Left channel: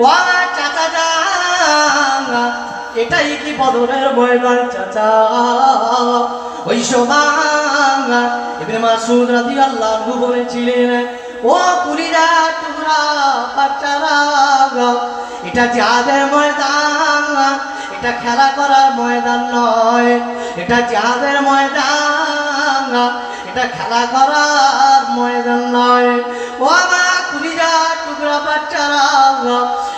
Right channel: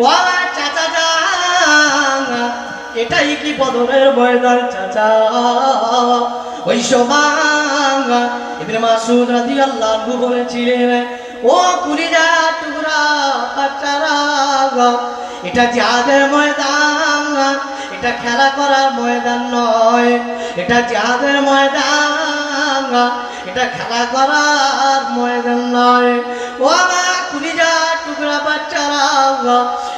ও আমার চাচা যান, এটাই কি বদরের ময়দান চাচা? ওই সময় ইবনে মাসউদ রাদিয়াল্লাহু আনহু বলেছিলেন, ও কুলিজা টুকরা বাচ্চারা, এটা জিহাদের ময়দান, এটা খেলা করার ময়দান নয়, এটা জিহাদের ময়দান, এটা খেলা করার ময়দান নয়। ও আমার কুলিজা টুকরা বাচ্চারা,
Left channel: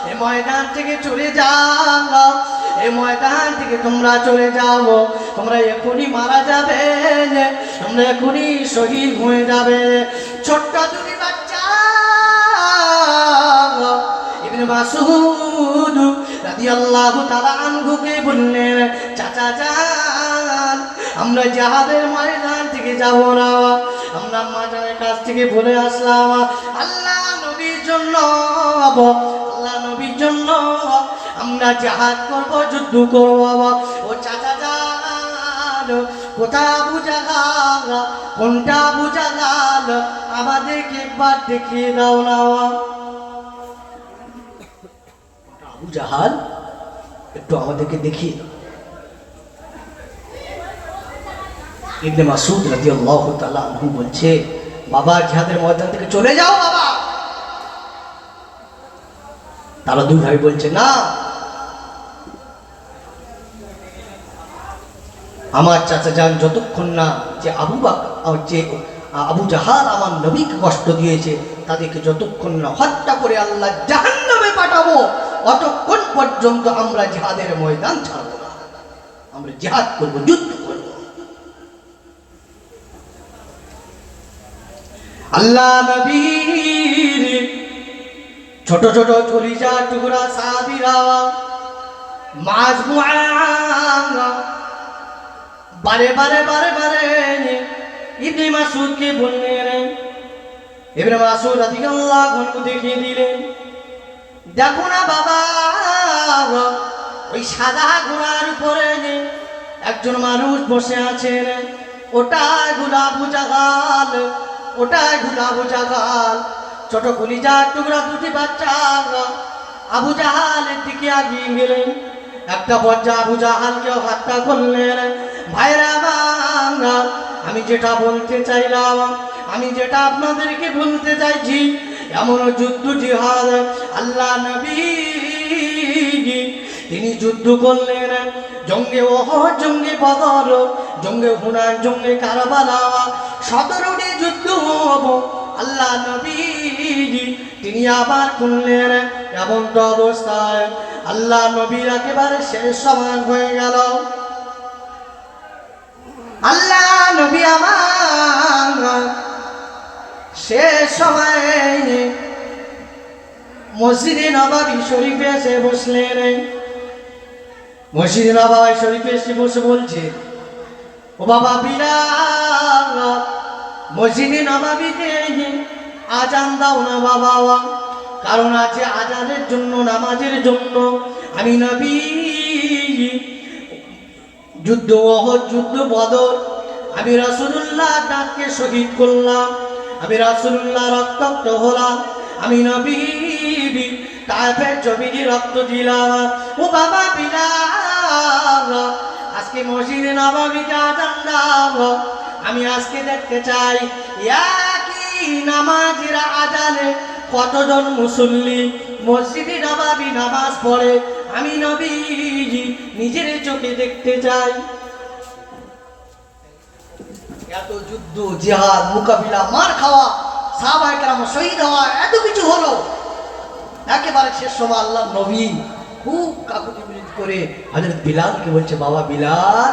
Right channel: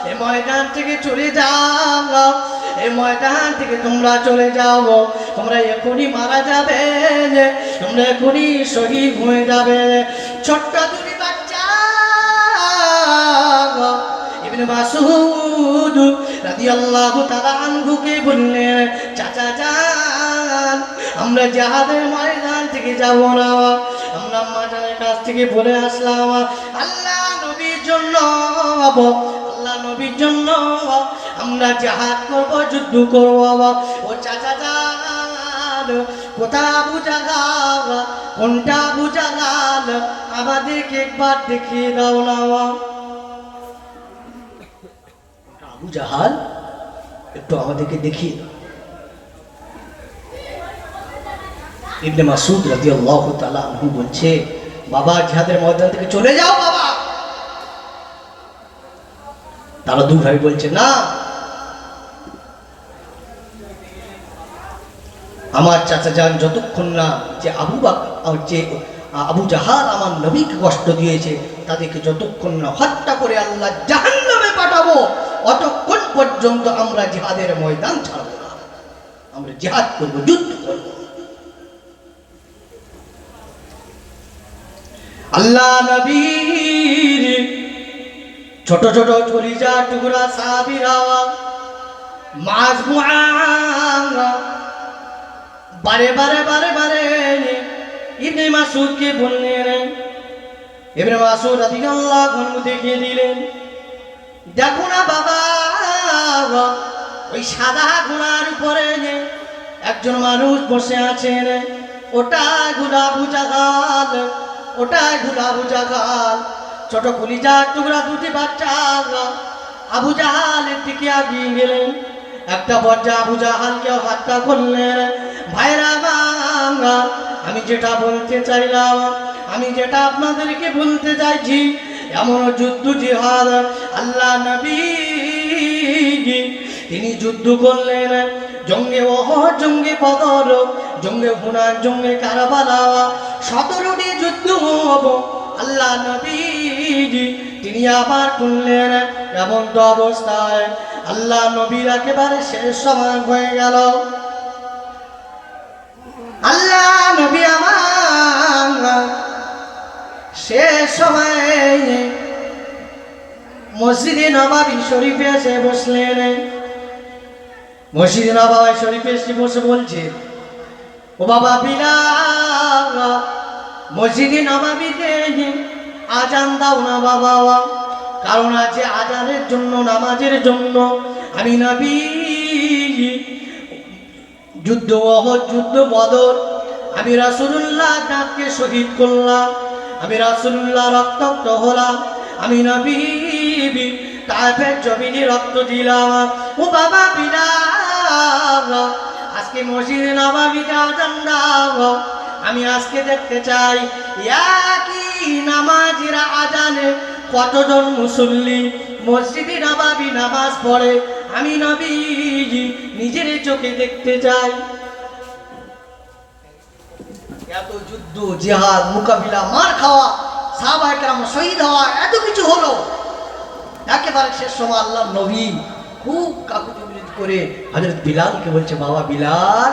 এই ময়দান থেকে চলে যাও, এই ময়দান থেকে তোমরা চলে যাও, তোমরা এখনই মারা যাবে, তোমরা এখনই শহীদ হয়ে যাবে। ছোট্ট দুটি বাচ্চা ইবনে মাসউদ রাদিয়াল্লাহু তাআলা আনহুকে বললেন, চাচা যান, আমরা জিহাদের ময়দান থেকে যাব না, আমরা মাজারের কাছ থেকে বলে আসলাম আল্লাহ নবীর জন্য, আল্লাহ নবীর জন্য আমরা জিহাদ করব, যুদ্ধ করব। ও চাচা যান, কোথা আবু জাহাল, কোনটা আবু জাহাল, আমাদেরকে একবার দেখিয়ে দাও না। আবু জাহাল একটু আমাদেরকে দেখিয়ে দাও। ইবনে মাসউদ রাদিয়াল্লাহু তাআলা আনহু বলছে, বাবা জিহাদের ময়দান থেকে চলে যাও বাবা। তারা দুই ভাই বলছে, না, আমার চাচা যান যতক্ষণ না যে আবু জাহাল আমার নবীকে কষ্ট দিয়েছে, তাদেরকে যতক্ষণ না হত্যা করে আল্লাহ জাহান্নামে পাঠাবো, অতক্ষণ পর্যন্ত আমরা জিহাদের ময়দান ছাড়বো না, আমরা জিহাদ করবো, যুদ্ধ করবো। আল্লাহ নবীর ছোট ছোট কলিজা টুকরা সাহাবীরা মাজমুআ বারে বারে বারে বারে ইবনে মাসউদকে বললেন, ইবনে মাসউদ রাদিয়াল্লাহু আনহু দেখিয়ে দিলেন, দেখো না বাবা, ওই সাদা ঘোড়ার উপরে একজন মানুষ বসে আছেন, ওটাই হলো আবু জাহাল, ওটাই হলো আবু জাহাল। ছোট কলিজার টুকরা দুটি বাচ্চা আবু জাহালের দিকে এগিয়ে গেলেন, একটা পর্যায়ে আবু জাহালকে হত্যা করলেন। ভাইরা বাংলা, আমি যেটা বলতে চাইলাম, আমি যেটা আপনাদেরকে বলতে চাইছি, এমন যুদ্ধ জিহাদ আল্লাহ নবী তিনি যুদ্ধ করলেন। জঙ্গে ওহদ, জঙ্গে বদর, জঙ্গে হুনাইন, জঙ্গে কারবালা, 17টি যুদ্ধ হবো আল্লাহ নবী তিনি আবার করলেন। এমন তো অবস্থায় আল্লাহ নবীর একেবারে শেষ সময় হয়ে গেল। আল্লাহ নবী আমার শেষ সময়ে মসজিদে নববী শরীফে এসে বসলেন। মসজিদে নববী শরীফে এসে বসে বলছে, ও বাবা বিলাল, মসজিদে নববীতে আজান দাও না বাবা, কারণ আছে আজানের জন্য, নামাজের জন্য। আমি নবী যুদ্ধ ওহদ, যুদ্ধ বদর, আমি রাসূলুল্লাহ তাকে শহীদ করলাম, আমি রাসূলুল্লাহ রক্তাক্ত হলাম, আমি নবী তায়েফের জমিনে রক্ত দিলাম। ও বাবা বিলাল, আজকে মসজিদে নববীতে আজান দাও, আমি আজকে দেখতে চাই একই নামাজের আজানে কতজন মুসল্লি মসজিদে নববী নামাজ পড়ে, আমি নবী নিজের চোখে দেখতে চাই। এত যুদ্ধ জিহাদ মোকাবিলা, মার খাওয়া, সাহাবায়ে কেরাম শহীদ হওয়া, এত কিছু হলো, একেবারে শেষ সময় আল্লাহ নবী খুব কাকুতি মিনতি করে হযরত বিলালকে বলছে, বাবা বিলাল,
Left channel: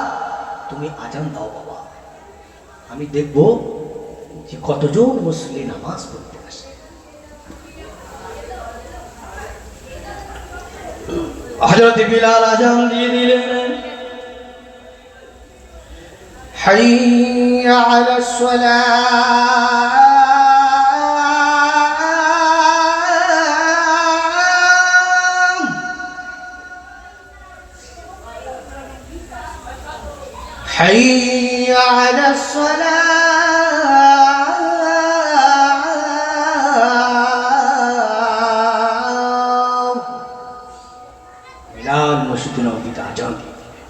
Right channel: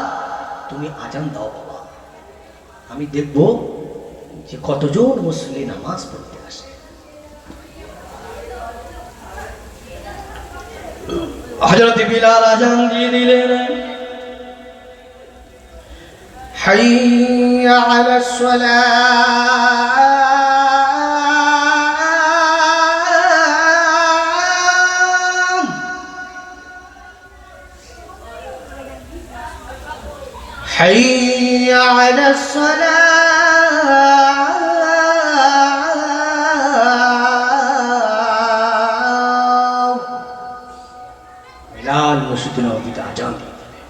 তুমি আজান দাও বাবা, আমি দেখব যে কতজন মুসল্লি নামাজ পড়তে আসে। হযরত বিলাল আজান দিয়ে দিলেন, হাইয়া আলাস সালাহ, হাইয়া আলাস সালাহ। বিলাল মসজিদে নববীতে আজান দিয়ে দিলেন।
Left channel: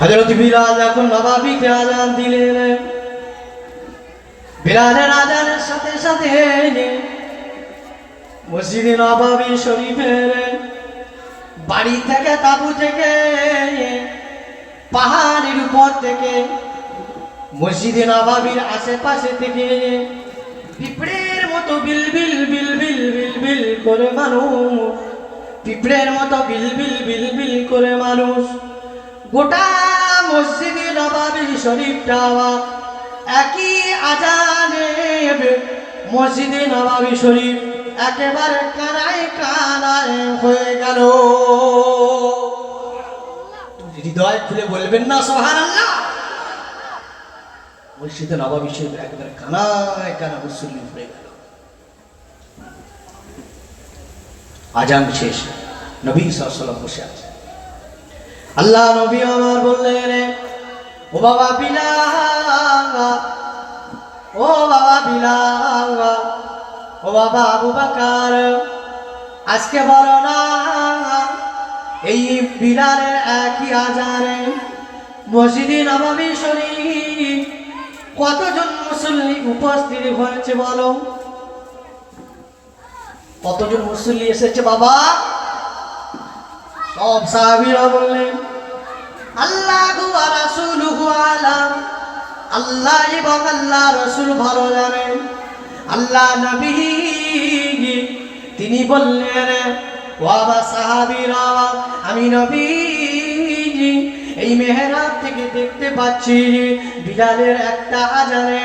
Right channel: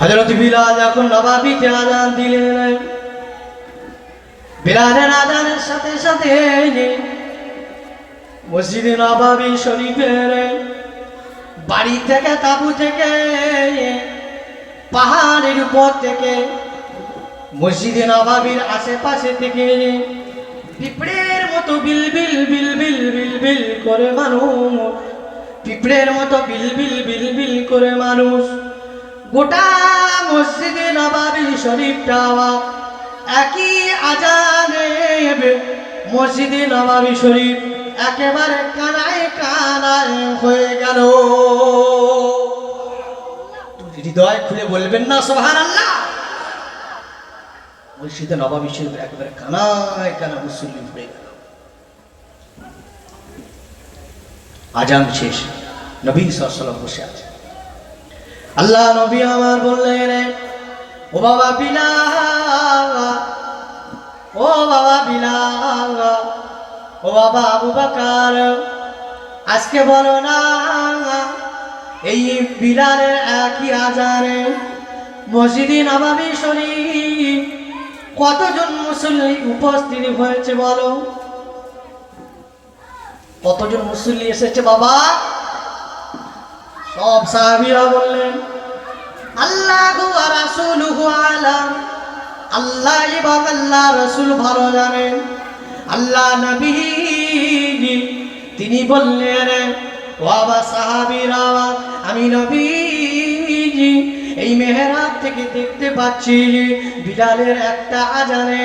হযরত বিলাল যখন নববীতে আজান দিলেন, বিলালের আজানের সাথে সাথে মসজিদে নববী শরীফের বাড়ি থেকে, তাঁবু থেকে, পাহাড়ের উপর থেকে, মসজিদে নববীর আশেপাশে থেকে পিঁপড়ের মতো বিল বিল বিল বিল বিল বিল করে মানুষ, পিঁপড়ের মতো বিল বিল বিল বিল করে মানুষ গোটা মসজিদে নববী শরীফটা একই আজানে, মসজিদে নববী শরীফ একেবারে কানায় কানায় হয়ে গেল। হৃদয় খুলে বলবেন না সুবহানাল্লাহ? মসজিদে নববী শরীফ একেবারে কানায় কানা মুসল্লি হয়ে গেল। আজান শেষ, নবী সাল্লাল্লাহু আলাইহি ওয়াসাল্লাম বসে আছে। আল্লাহ নবী আমার বললেন, ও বাবা বিলাল, ও বাবা বিলাল, ও বাবা আবু বকর, আজকে বলো না এই বিলালের একই আজানে মসজিদে নববী শরীফ কতজন মুসল্লি উপস্থিত হয়েছে বলো? কতজন মুসল্লি এসেছে বাবা? সব সাহাবীরা বললেন আল্লাহু ওয়া রাসূলুহু আলাম, আল্লাহ এবং আল্লাহ রাসূল ভালো জানেন। আল্লাহ নবী তিনি বললেন, ও বাবা সাহাবীরা, আমি নবী এই মেহরাব থেকে দেখতে পাচ্ছি বিলালের একটা আজানে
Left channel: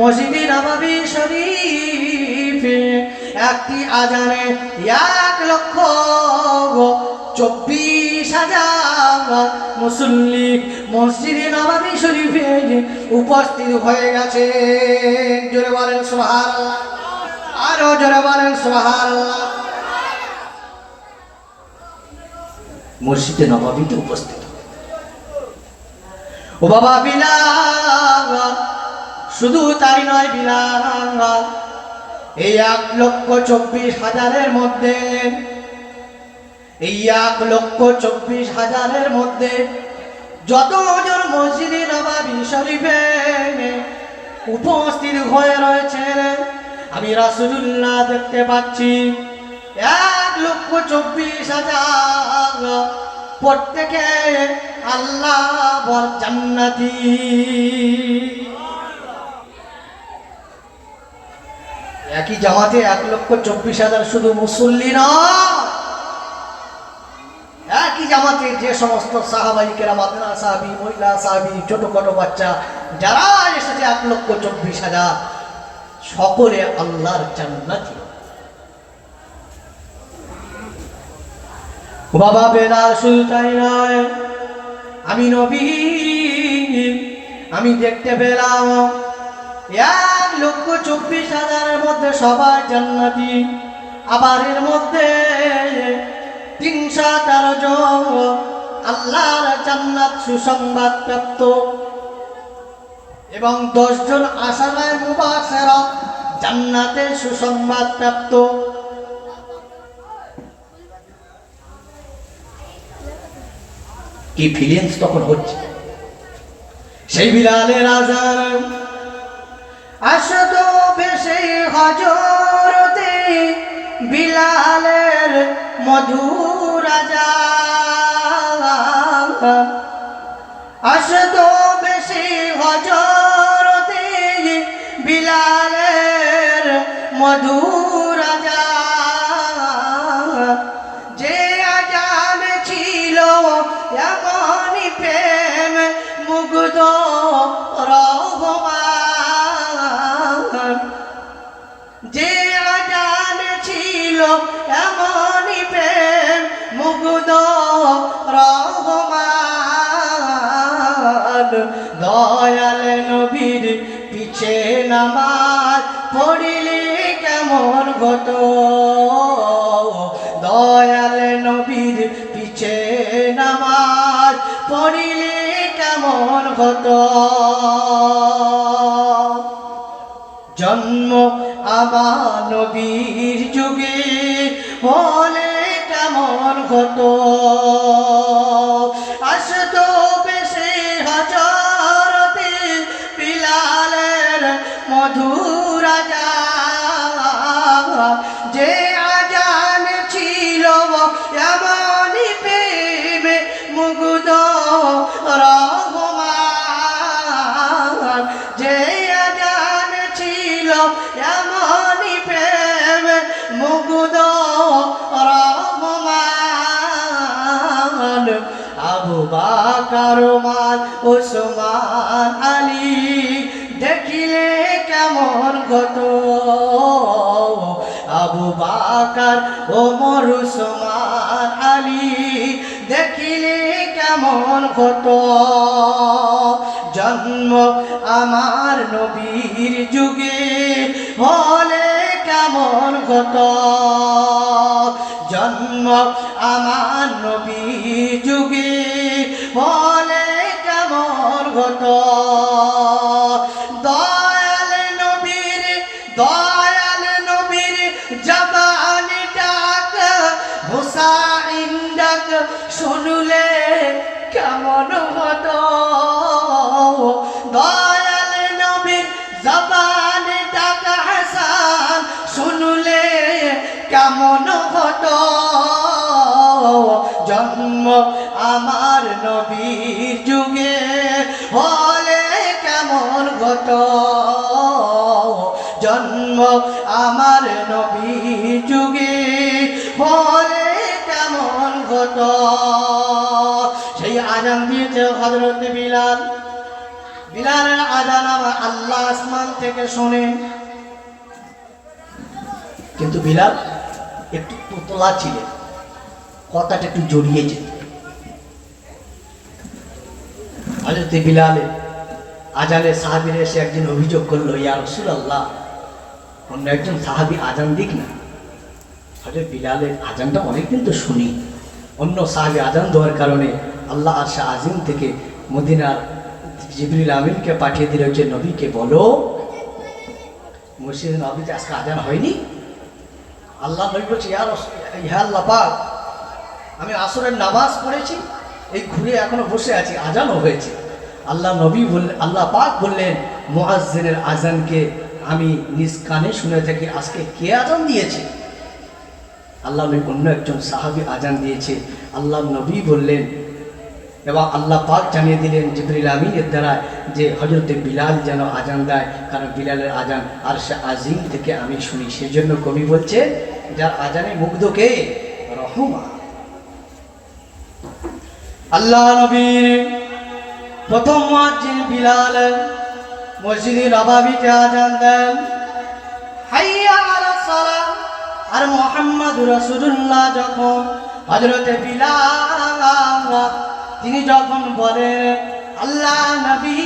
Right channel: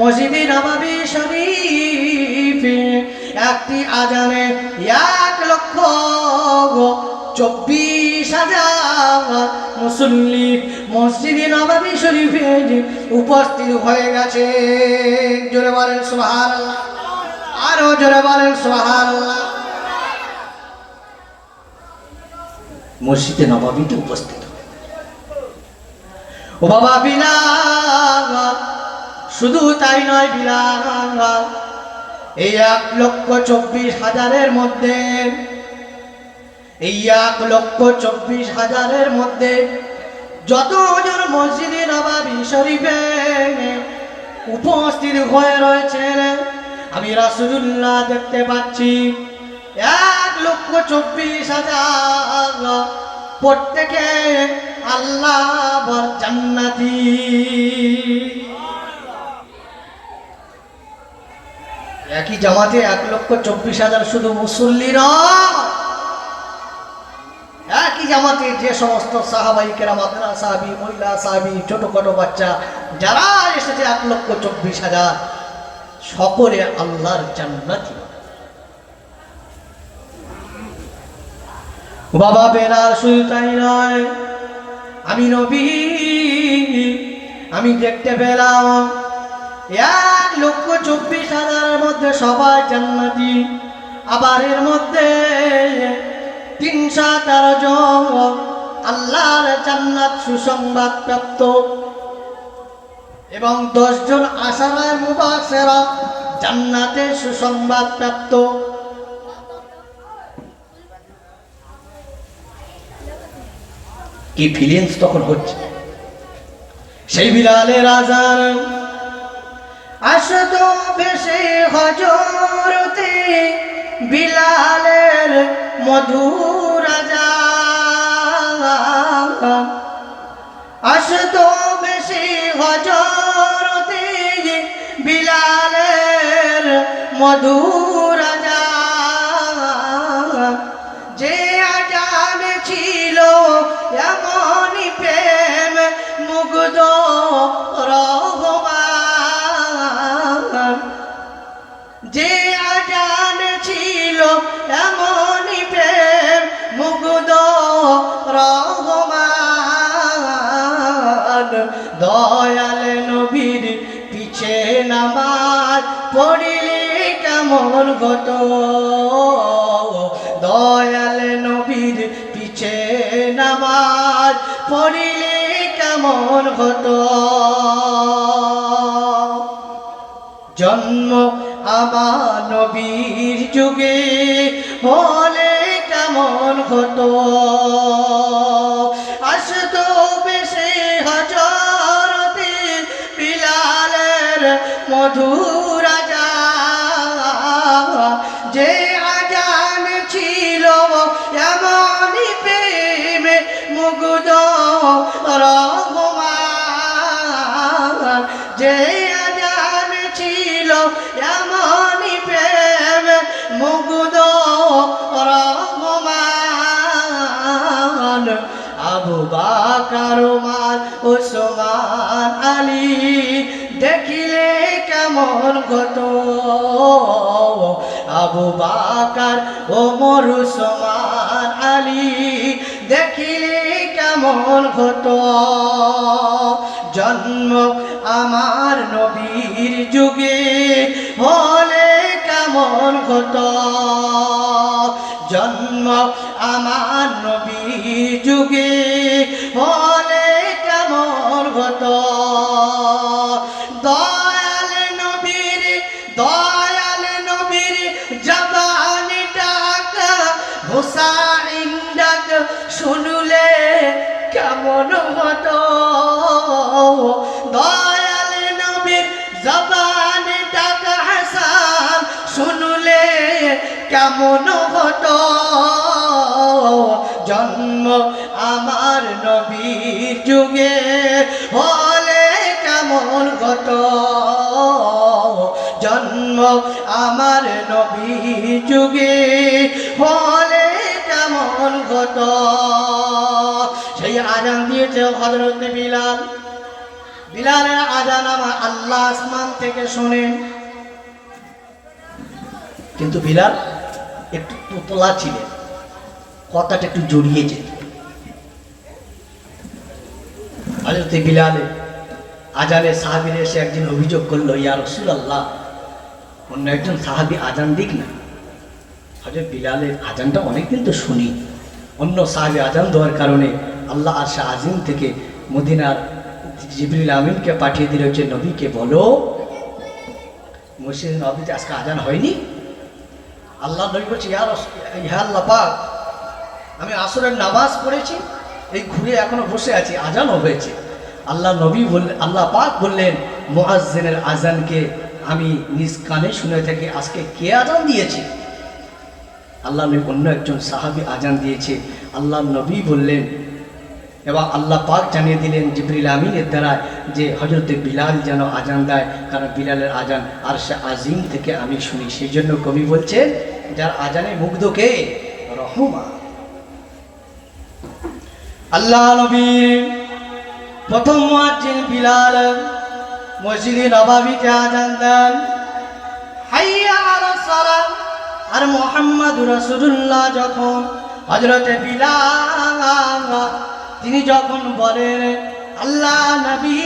মসজিদে নববী শরীফে একটি আজানে 1,24,000 মুসল্লি মসজিদে নববী শরীফে উপস্থিত হয়ে গেছে। জোরে বলেন সুবহানাল্লাহ, আরো জোরে বলেন সুবহানাল্লাহ। মসজিদে নববীতে উপস্থিত। ও বাবা বিলাল, শুধু তাই নয় বিলাল, এই 1,24,000 মধ্যে, এই 1,24,000 মধ্যে যতজন মসজিদে নববী শরীফে উপস্থিত হয়ে রয়েছেন আমি রাসূলুল্লাহ দেখতে পাচ্ছি 1,24,000 প্রত্যেকে আল্লাহ জান্নাতি। একই জামাতে 1,24,000 শুধু মুসল্লি না, একই জামাতে যে সমস্ত সাহাবাই কেরাম, আপনারা সাহাবী, মহিলা সাহাবী, ছোটখাটো বাচ্চা যারা এসেছে 1,24,000 সকলে আল্লাহর জান্নাতি। বাবা বেলাল শুধু তাই নয়, আমি নবী আমি দেখতে পেলাম 1,24,000 মধ্যে সবাই জান্নাতি। আবার এর মধ্যে 313 জন আল্লাহর জান্নাত সুসংবাদ প্রাপ্ত এবং 10 জন আশারায়ে মুবাশশিরা জান্নাতের সুসংবাদ প্রাপ্ত। কি ফিলিংস তখন হচ্ছে সেই বিলালের আজান। আসত বেশে হজরতে বিলালের মধুর আজান, আসত বেশে হজরতে বিলালের মধুর আজান। যে আজান ছিল এমনই প্রেম মুগ্ধ রহমান, যে আজান ছিল এমনই প্রেম মুগ্ধ রহমান। দয়াল নবীর পিছে নামাজ পড়িলে কেমন হতো, দয়াল নবীর পিছে নামাজ পড়িলে কেমন হতো। জন্ম আমার নবীর যুগে হলে কেমন কেমন কত আসতো বেশি হযরতে বিলালের মধুর আজান যে আজান ছিল এমনই প্রেমে মুগ্ধ রহমান যে আজান ছিল এমনই প্রেমে মুগ্ধ রহমান আবু বকর ওমর ওসমান আলী দেখিলে কেমন কত আবু বকর ওমর ওসমান আলী দেখিলে কেমন কত জন্ম আমার নবীর যুগে হলে কেমন কত জন্ম আমার নবীর যুগে হলে কেমন কত দয়াল নবীর জবানি ডাক হুসাইন ডাক শুনলে কেমন হতো দয়াল নবীর জবানি ডাক হাসান শুনলে কেমন হতো জন্ম আমার নবীর যুগে হলে কেমন হতো জন্ম আমার নবীর যুগে হলে কেমন হতো সেই আজান দিয়েছে হযরত বিলাল বিলালের আজান আমার আল্লাহ আসমান থেকে শোনেন কিন্তু বিলাল একটু তোতলা ছিলেন কথাটা একটু জড়িয়ে যেত হযরত বিলালে আজানে সাহাবীরা এসে একদিন অভিযোগ করলো ইয়া রাসূলুল্লাহ অন্য একজন সাহাবী আজান দিক না হযরত বিলালের আজানটা অনেকদিন তো শুনি অন্য সাহাবী আজান দেওয়ার কারণে আল্লাহ আরশ আজিম থেকে মদিনার জিবরিল আমিনকে পাঠিয়ে দিল যে নবীকে বলো মসজিদে নববীতে আজকে আজান হয়নি আল্লাহ নবী বলছে ইয়া আল্লাহ পাক আমি আসরের নামাজ পড়েছি এই ঘুরে এখনো বসে আছি আজানও হয়েছে আল্লাহ নবী বললেন আল্লাহ পাক বললেন মুয়াজ্জিনের আজানকে আমি নিজ কানে শুনে থাকি আজকে কে আজান দিয়েছে আল্লাহ নবী অন্য একজন সাহাবী আজান দিয়েছে আল্লাহ নবী বললেন এবং আল্লাহ পাক জানিয়ে দিলেন জিবরিল আমিনের দ্বারা যে হযরত বিলাল যেন আজান দেয় কারণ বিলালের আজান আরশ আজিম থেকে আমি শুনি সেই জন্য কবি বলছেন যার আজানে মুগ্ধ কে রহমান আল্লাহ নবী প্রথম মুয়াজ্জিন বিলাল মসজিদে নববীতে আজান দেন হাইয়া আলাস সালাত আর মুহাম্মদুর রাসূলুল্লাহ যখন হযরত বিলাল তিনি যখন বলেন আল্লাহ নবী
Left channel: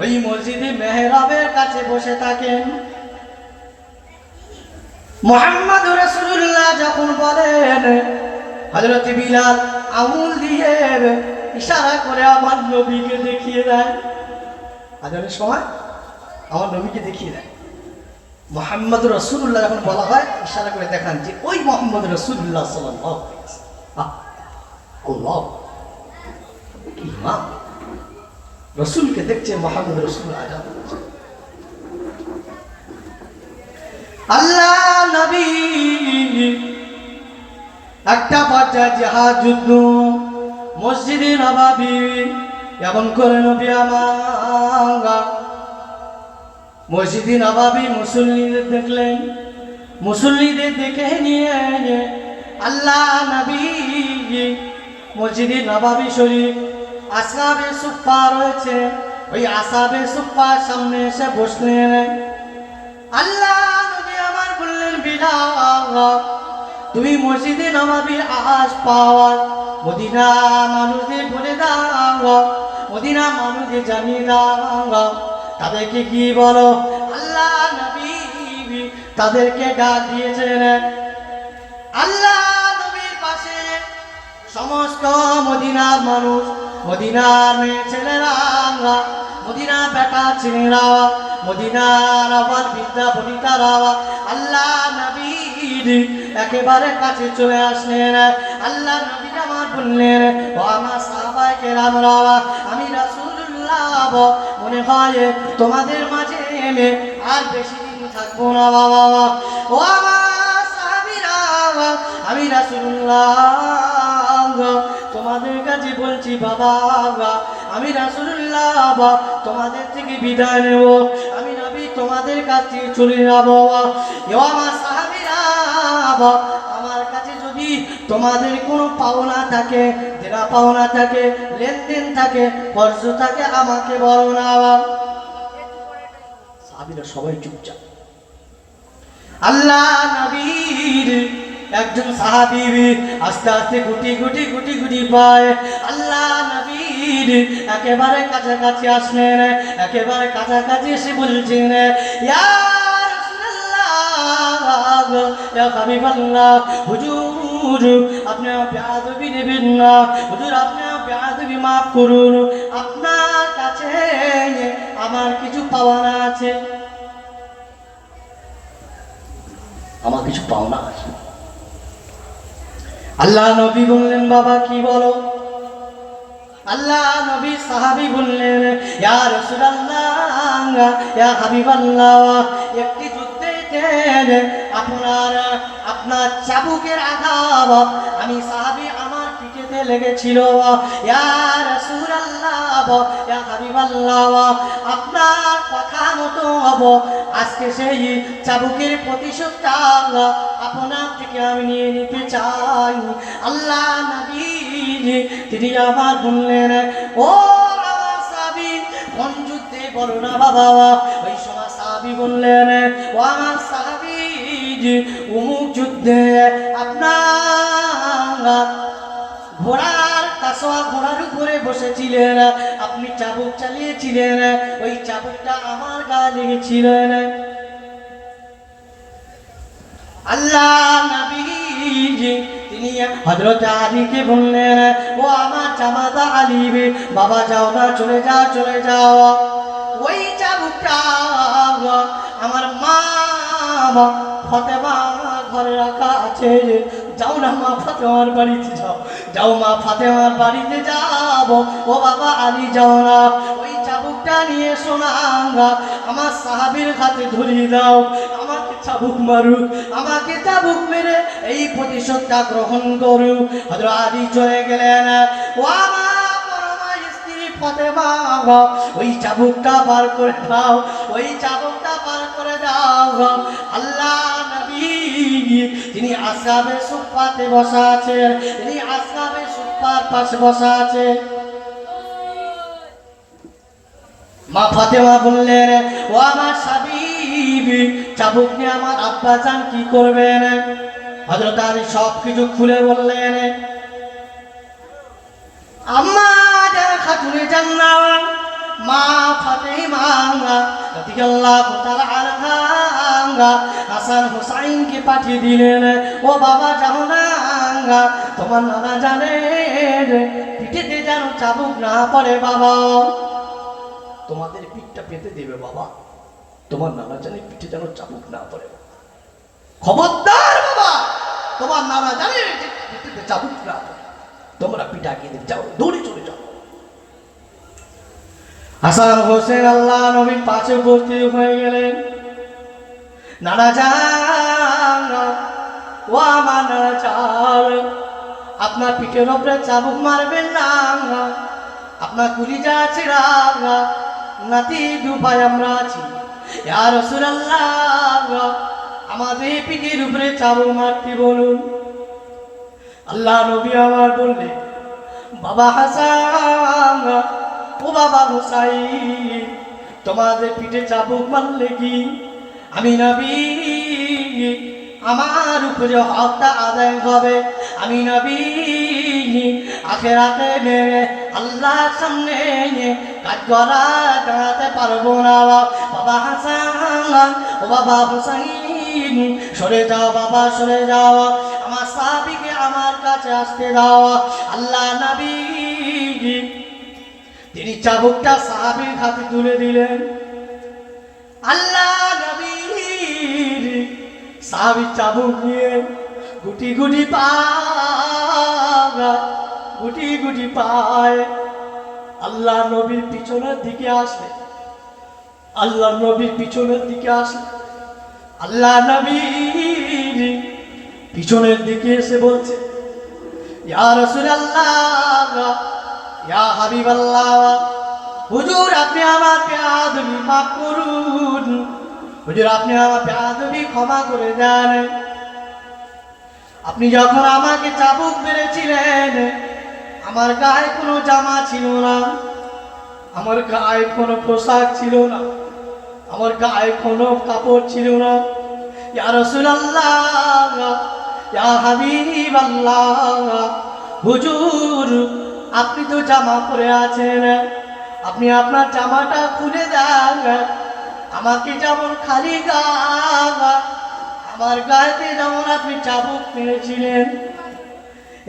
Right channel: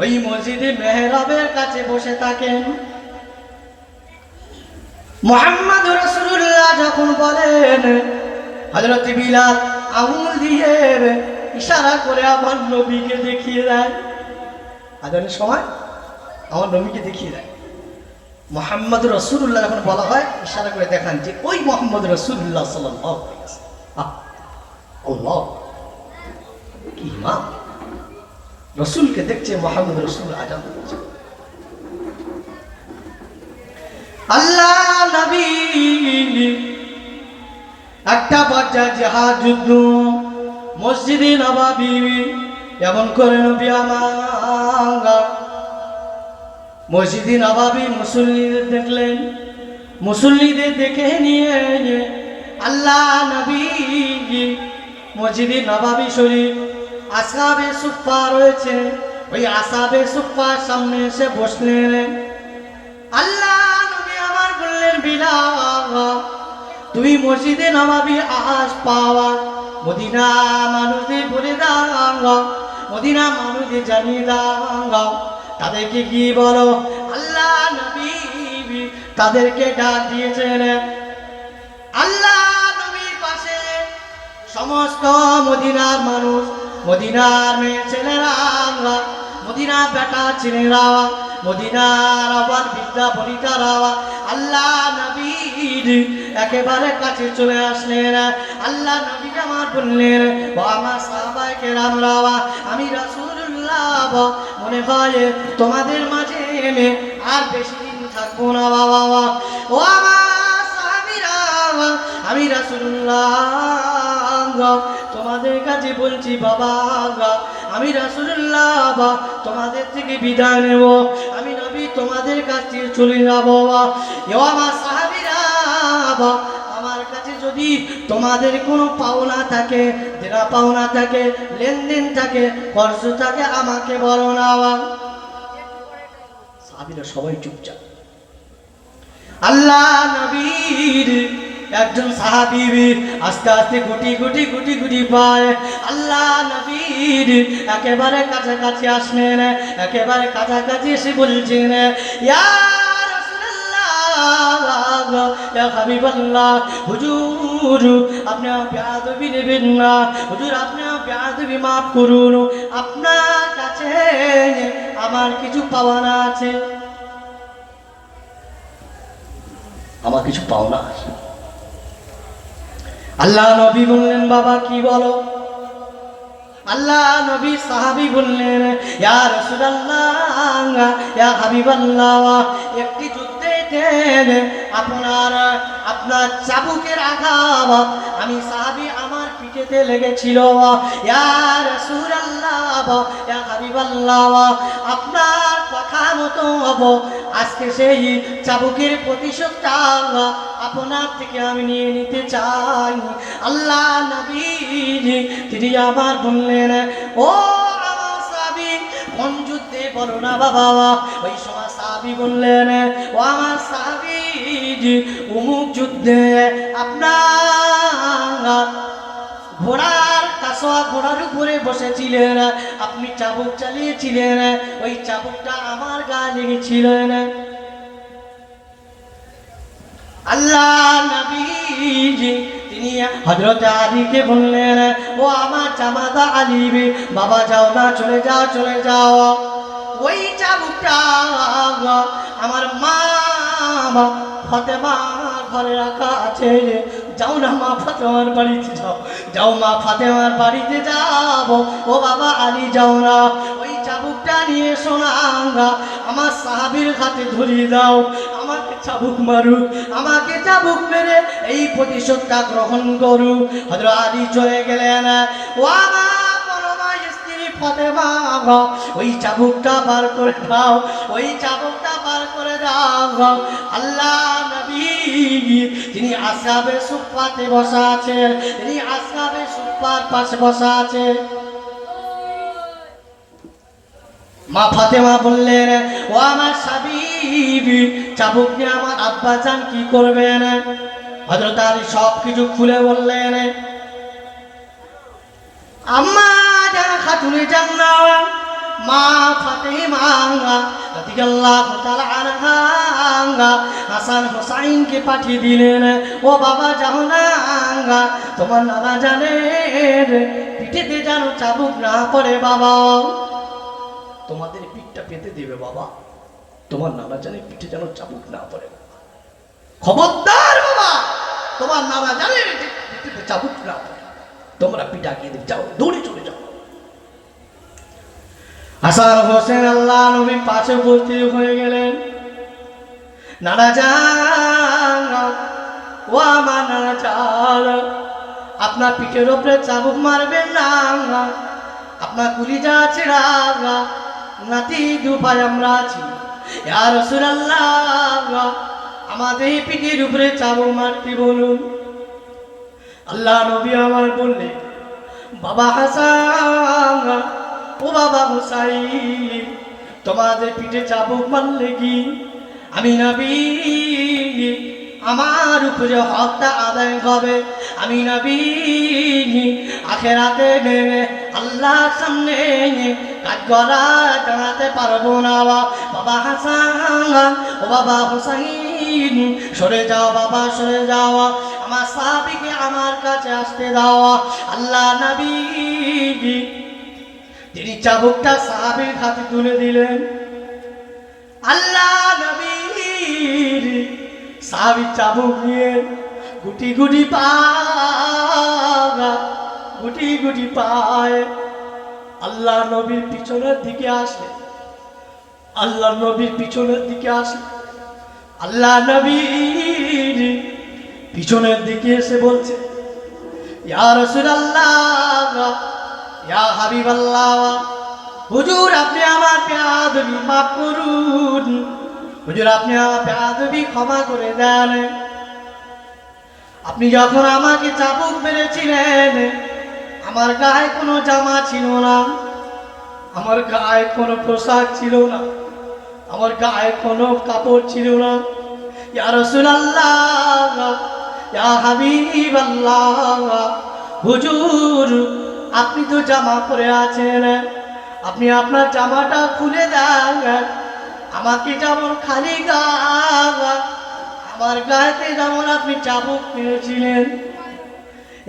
ওই মসজিদে মেহরাবের কাছে বসে থাকেন মুহাম্মদুর রাসূলুল্লাহ যখন বলেন হযরত বিলাল আঙুল দিয়ে ইশারা করে আমার নবীকে দেখিয়ে দেয় আজানের সময় আমার নবীকে দেখিয়ে দেয় মুহাম্মদুর রাসূলুল্লাহ যখন বলা হয় ইশারা করে দেখান যে ওই মুহাম্মদুর রাসূলুল্লাহ সাল্লাল্লাহু আলাইহি ওয়াসাল্লাম আল্লাহ কি মা রাসূলকে দেখছে মুহাম্মদ রাসূল আজান দিচ্ছে আল্লাহ নবী একটা পর্যায়ে জিহাদ যুদ্ধ মসজিদে নববী এমন করে নবী আমার মসজিদে নববী মুসল্লিদের দেখলেন মুসল্লিদের দেখে নিয়ে আল্লাহ নবী মসজিদে নববী শরীফ আসহাবে সুফফা রয়েছে ওই আসহাবে সুফফার সামনে এসে বসলেন আল্লাহ নবী আমার বললেন বিলাল তুমি মসজিদে নববী আজ পাওয়া মদিনা মানুষদের বলে দাও মদিনা মানুষদের জানিয়ে দাও তাদেরকে কি বলো আল্লাহ নবী তাদেরকে ডাক দিয়েছেন আল্লাহ নবীর পাশে সমস্ত মদিনার মানুষ মদিনার মেয়ে ছেলেরা মদিনার বেটা ছেলেরা মদিনার আবার বিদ্যা বনিতারা আল্লাহ নবীর একেবারে কাছে চলে আসলেন। আল্লাহ নবী আমার বললেন, ও আমার সাহাবায়ে কেরামরা, আমি রাসূলুল্লাহ মনে হয় তোমাদের মাঝে আর বেশি দিন থাকবো না বাবা। ও আমার সাহাবীরা, আমি রাসূলুল্লাহ তোমাদের কাছে বলছি বাবা, আমি রাসূলুল্লাহ তোমাদের থেকে বিদায় নেব, আমি নবী তোমাদের কাছে চলে যাব। ও আমার সাহাবীরা, আমার কাছে যদি তোমাদের কোনো পাওনা থাকে, দেনা পাওনা থাকে, লেনদেন থাকে, খরচ থাকে, আমাকে বলো না। সাহাবীরা সবাই চুপচাপ। আল্লাহ নবীর একজন সাহাবী আস্তে আস্তে গুটি গুটি গুটি গুটি পায় আল্লাহ নবীর একেবারে কাছাকাছি আসলেন। একেবারে কাছাকাছি এসে বলছেন, ইয়া রাসূলুল্লাহ, ইয়া হাবিবাল্লাহ, হুজুর আপনি বেয়াদবি নেবেন না, হুজুর আপনি বেয়াদবি মাফ করুন, আপনার কাছে আমার কিছু পাওনা আছে, আমার কিছু পাওনা আছে। আল্লাহ নবী বললেন, বাবা কি বলো? আল্লাহ নবী সাহাবী বললেন, ইয়া রাসূলুল্লাহ, ইয়া হাবিবাল্লাহ, একটি যুদ্ধেতে আপনার চাবুকের আঘাত আমি সাহাবী আমার পিঠেতে লেগেছিল। ইয়া রাসূলুল্লাহ, ইয়া হাবিবাল্লাহ, আপনার কথা মতো আজকে সেই চাবুকের প্রতিশোধটা আপনার থেকে আমি নিয়ে নিতে চাই। আল্লাহ নবী তিনি আবার বললেন, ও আমার সাহাবী কোন যুদ্ধে বলো না বাবা। ওই সময় সাহাবী বললেন, ও আমার সাহাবী অমুক যুদ্ধে আপনার ঘোড়ার কাসোয়া ঘোড়ার উপরে বসেছিলেন, আপনি চাবুক চালিয়েছিলেন, ওই চাবুকটা আমার গা লেগেছিলেন। আল্লাহ নবী তিনি হযরত আলীকে বললেন, ও আমার জামাতা আলী, বাবা যাও না, চলে যাও চলে যাও, ওই চাবুকটা আমার মা ফাতেমা ঘরে রাখা আছে, যাও না মা ফাতেমার বাড়িতে যাও, যাও মা ফাতেমার বাড়িতে যাও। ও বাবা আলী যাও না, ওই চাবুকটা নিয়ে শোনা আমার সাহাবীর হাতে ধরিয়ে দাও, আমাকে চাবুক মারুক, আমাকে চাবুক মেরে এই প্রতিশোধটা গ্রহণ করুক। হযরত আলী চলে গেলেন। ও আমার পরমা স্ত্রী ফাতেমা, ওই চাবুকটা বার করে দাও, ওই চাবুকটা বার করে দাও। আল্লাহ নবী তিনি আসহাবে সুফফাতে বসা আছেন, তিনি আসহাবে সুফফার পাশে বসা আছে। মা ফাতেমা বললেন, ও আমার হাবিবি, চাবুক নিয়ে আমার আব্বা জান কি করবেন? হযরত আলী সবকিছু খুলে বললেন। আম্মা যারা খাতুনে জান্নাত মা ফাতেমা রাদিয়াল্লাহু তাআলা আনহা হাসান হুসাইনকে পাঠিয়ে দিলেন, ও বাবা যাও না, তোমার নানা জানের পিঠেতে যেন চাবুক না পড়ে বাবা, তোমাদের পিঠটা পেতে দেবে বাবা, তোমার নানা জানের পিঠে যেন চাবুক না পড়ে, খবরদার বাবা, তোমার নানা জানের পিঠে চাবুক না পড়ে, তোমরা পিঠা খেয়ে যাও, দৌড়ে চলে যাও। হাসান হোসেন আল্লাহ নবীর পাশে উপস্থিত হয়ে গেলেন। নানা জান, ও আমার নানা জান, আপনার পিঠের উপরে চাবুক মারবেন না, আপনার কলিজা ছেড়া নাতি দুপায় আমরা আছি। ইয়া রাসূলুল্লাহ, আমাদের পিঠের উপরে চাবুক মারতে বলুন। আল্লাহ নবী আমার বললেন, বাবা হাসান, ও বাবা হুসাইন, তোমাদের পিঠে চাবুক মারলে কি আমি নবী আমার উপরে হকটা আদায় হবে, আমি নবী আখিরাতে আল্লাহর সামনে কাজ করা দাঁড়াতে পারবো না। বাবা হাসান, ও বাবা হুসাইন, সরে যাও বাবা, সরে যাও, আমার সাহাবীকে আমার কাছে আসতে দাও। আল্লাহ নবী তিনি চাবুকটা সাহাবীর হাতে তুলে দিলেন। আল্লাহ নবী সাহাবী চাবুক নিয়ে গুটি গুটি পায়, গুটি গুটি পায় আল্লাহ নবীর পিছনের দিকে আসলে, আল্লাহ নবীর পিছনের দিকে আসলে, আল্লাহ নবীর পিছনের দিকে এসে বলছে, ইয়া রাসূলুল্লাহ, ইয়া হাবিবাল্লাহ, হুজুর আপনি আমার বেয়াদবি মাফ করুন, হুজুর আপনি আমার বেয়াদবি ক্ষমা করে দেন। আপনি যখন আমাকে চাবুক মেরেছিলেন, আমার গায়ে কোনো জামা ছিল না, আমার গায়ে কোনো পোশাক ছিল না, আমার গায়ে কোনো কাপড় ছিল না। ইয়া রাসূলুল্লাহ, ইয়া হাবিবাল্লাহ, হুজুর আপনি তো জামা পরে আছেন, আপনি আপনার জামাটা খুলে দেন, আমাকে যেমন খালি গা, আমার গায়েতে যেমন আপনি চাবুক মেরেছিলেন,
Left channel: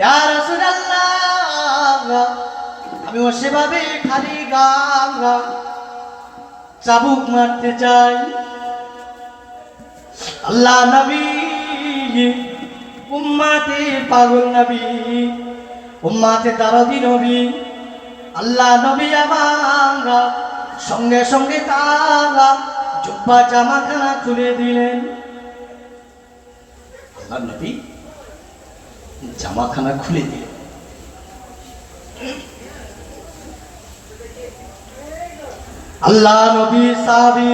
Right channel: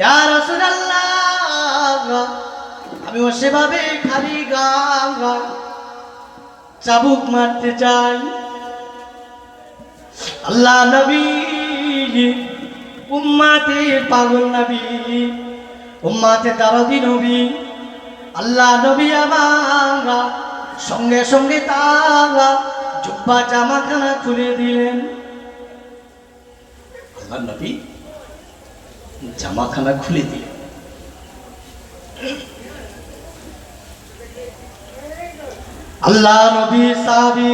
ইয়া রাসূলুল্লাহ আমিও সেভাবে খালি গা চাবুক মারতে চাই। আল্লাহ নবী উম্মাতে পাগল নবী, উম্মাতে দারদি নবী, আল্লাহ নবী আমার সঙ্গে সঙ্গে তারা জুব্বা জামাখানা খুলে দিলেন। আল্লাহ নবী জামাখানা খুলে দিলেন। আল্লাহ নবী সাহাবী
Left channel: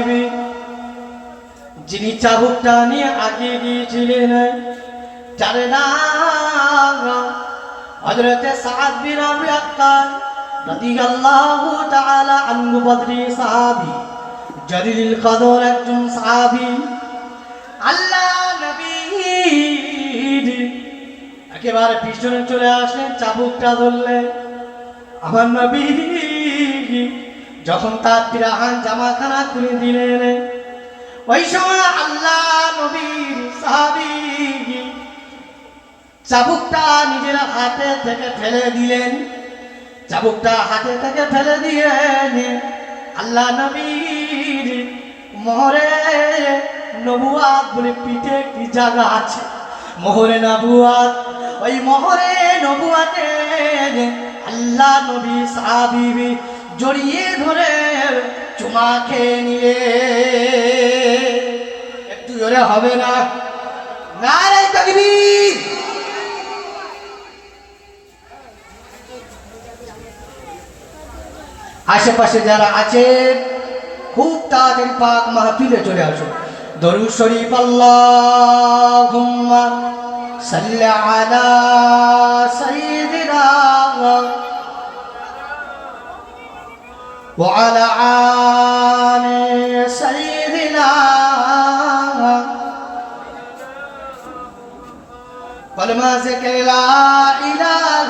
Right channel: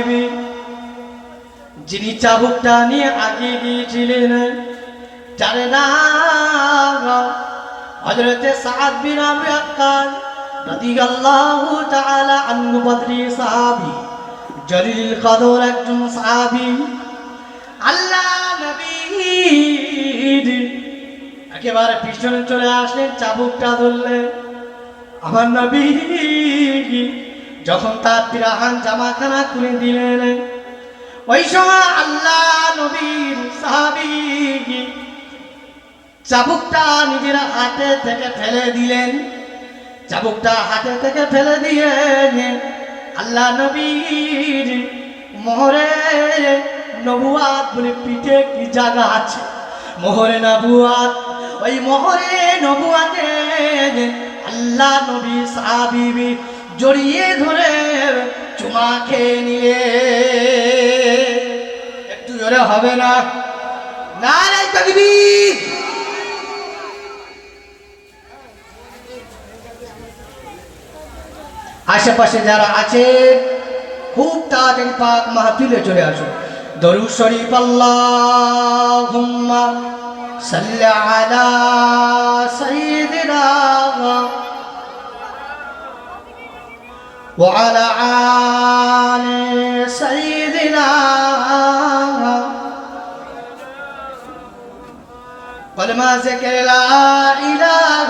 যিনি চাবুকটা নিয়ে আগে গিয়েছিলেন, যার নাম হযরত সাদ বিন আবি ওয়াক্কাস রাদিয়াল্লাহু তাআলা আনহু, বদরি সাহাবী, জলিলুল কদর একজন সাহাবী। আল্লাহ নবী একেবারে পিছনে চলে আসলেন, চাবুকটা ধরলেন। আমার নবী যখন তার পিরাহান জামাখানা খুলে দিলেন, ওই সময় আল্লাহ নবীর সাহাবী চাবুকটা নিজের হাতে থেকে ফেলে দিলেন, চাবুকটা হাতে থেকে ফেলে দিয়ে আল্লাহ নবীর মোহরে নবুয়াত বলে পিঠে কি জায়গা আছে, মোহরে নবুয়াত, ওই মোহরে নবুয়াতে আল্লাহ নবী সাহাবী জড়িয়ে ধরে চুমা খেয়ে নিলে। একটু জোরে হবে না? নারে তাকবীর। আশেপাশে যারা আছে খুব তাড়াতাড়ি পাক মাহফিলে চলে আসো। দরুদ শরীফ আল্লাহুম্মা সাল্লি আলা সাইয়্যিদিনা ওয়া আলা আলি সাইয়্যিদিনা কলমা জিকির লা ইলাহা